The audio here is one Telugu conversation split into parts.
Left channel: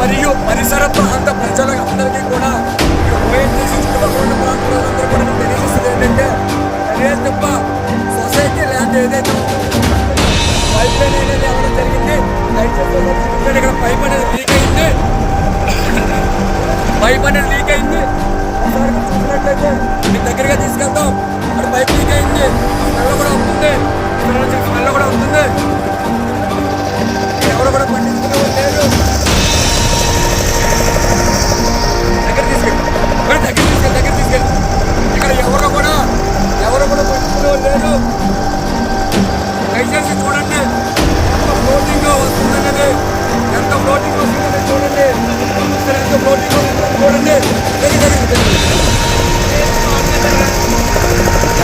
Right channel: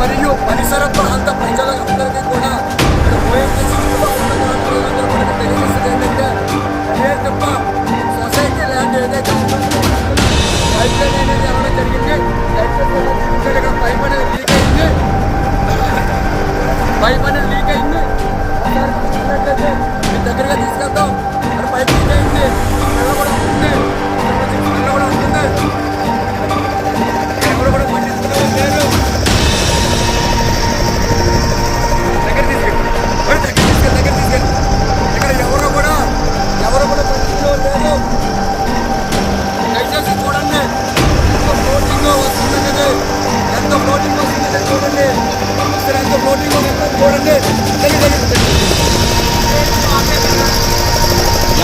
మరియు పరిసర ప్రాంత ప్రజల అందరికీ కూడా ఇక్కడ ఓఎన్జీసీ చుట్టుపక్కల ప్రాంతాలందరూ కూడా తెలియజేస్తుంది ఏంటంటే తెలియదు తప్ప సొసైటీ ల్యాండ్ ఏదైతే ఉందో పైప్ లైన్ అనేది అవ్వడం జరిగింది. ఇక్కడ పైప్ అనేది లీక్ అయింది. పైప్ అనేది లీక్ అయింది. ఒకసారి చూసినట్లయితే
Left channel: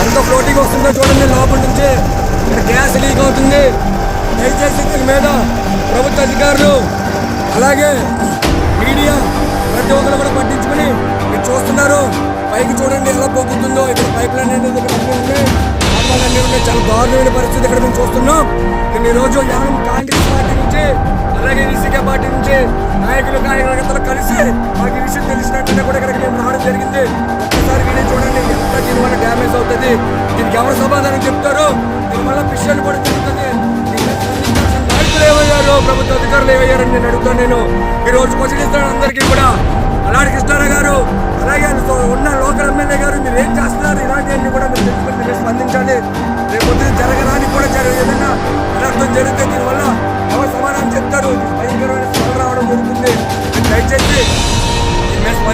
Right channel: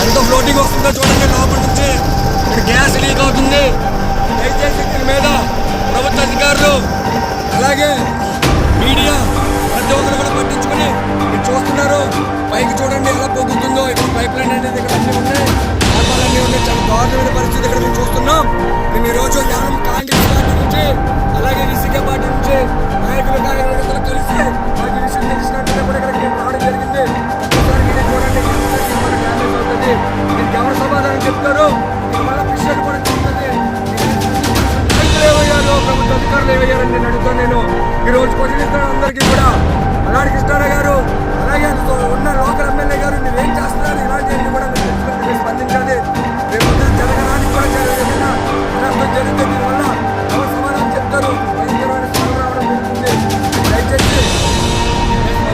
ఎంత ఫ్లోటింగ్ వస్తుందో చూడండి లోపల నుంచి. ఇక్కడ గ్యాస్ లీక్ అవుతుంది. దయచేసి దీని మీద ప్రభుత్వ అధికారులు అలాగే మీడియా ప్రతి ఒక్కరు కూడా పట్టించుకుని మీరు చూస్తున్నారు. పైకి చూడండి ఎలా పొందుతుందో ఇక్కడ పైప్ లైన్ అనేది ఇక్కడ అన్నీ ఉన్నాయి. కారణాలు అన్నీ ఉన్నాయి. చాలా దారుణమైన పరిస్థితి ఇక్కడ మేము చూస్తున్నాం. మేము ఈరోజు రోజు యానం కాంగ్రెస్ పార్టీ నుంచి అలాగే విసికే పార్టీ నుంచి నాయకులు కార్యకర్తలు కలిసి మాకు ఈ విషయం తెలిసినట్టుగా కూడా ఇక్కడికి మేము రావడం జరిగింది. ఒక్కసారి వెళ్ళి చూడండి ఎంత దీనివల్ల డ్యామేజ్ అవుతుంది. దీనికి ఎవరు సమాధానం చెప్తారు. దీనివల్ల విషయాలు కూడా జరుగుతుంది నాయకులు ఏమయ్యారు? ప్రభుత్వ అధికారులు ఏమయ్యారని నేను అడుగుతాను నేను. ఈ రోజు క్వశ్చన్ ఇస్తాను అందరికీ కూడా. అలాంటి కృష్ణారావు గారు అలాగే ఉన్న లోకల్ ఎమ్మెల్యే గారు మీరు ఏం చేస్తున్నారు? ఇలాంటివన్నీ కూడా మీరు తెలుసుకుని మీరు స్పందించాలి. రేపు పొద్దున జరగడానికి కూడా జరగదు ఏదైనా అనర్థం జరిగితే దీనివల్ల ఎవరు సమాధానం చెప్తారు? భయంకరమైన స్మెల్ రావడం జరుగుతుంది.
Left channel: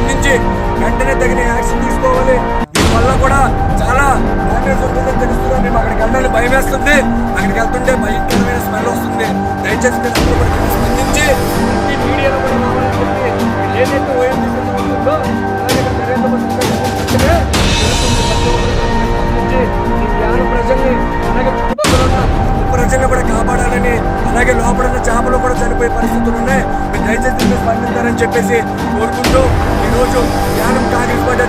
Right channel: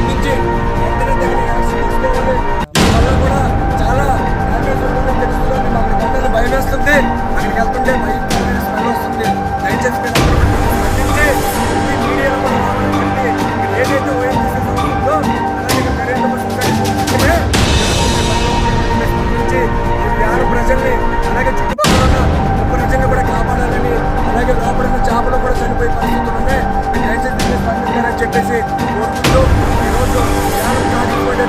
స్పందించి వెంటనే తగిన యాక్షన్ తీసుకోవాలి. దీనివల్ల కూడా చాలా డ్యామేజ్ ఉంటుందని తెలుస్తుంది. మేము అక్కడికి వెళ్ళాలి భయం వేస్తుంది. అక్కడికి వెళ్తుంటే భయంకరమైన స్మెల్ వస్తుంది. దయచేసి మీరు అందరూ కూడా స్పందించి ప్రతి మీడియాలో కూడా రావాలని చెప్పి ఏదైతే ఓఎన్జీసీ ఉంటుందో అలాగే నరేంద్ర మోడీ వెంటనే జరుగుతుంది ప్రతి ఒక్కరు కూడా స్పందించి ఈ వ్యాన ప్రజల్ని అలాగే చుట్టుపక్కల ఉన్న ప్రజల్ని కూడా కాపాడాలని అలాగే లోపల ఉన్న చేపలు కూడా చనిపోయే పరిస్థితులు ఉన్నాయి. దయచేసి దీన్ని స్పందించారని చెప్పేసి కోరుకుంటూ ఈరోజు యానం తారీఖు పార్టీ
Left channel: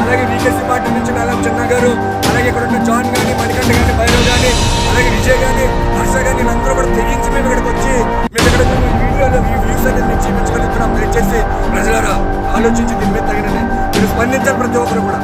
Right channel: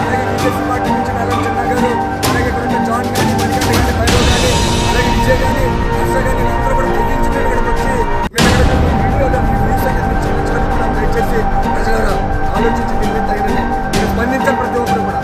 అలాగే బీజేపీ పార్టీ నుంచి నాగం చిన్న గారు అలాగే ఇక్కడ ఉన్న జాన్ కానీ మణికంఠ కానీ భైరవ్ కానీ అలాగే విజయ్ కానీ హర్ష కానీ వీళ్ళందరూ కూడా తెగించి మేము ఇక్కడికి వచ్చి మేము ఇక్కడ మేము వీడియోలో వ్యూస్ అనేది మేము చూపించగలుగుతున్నాం దయచేసి ప్రజలు ఆలోచించి దీని మీద తగిన మీరు స్పందించాలి ప్రతి ఒక్కరు కూడా.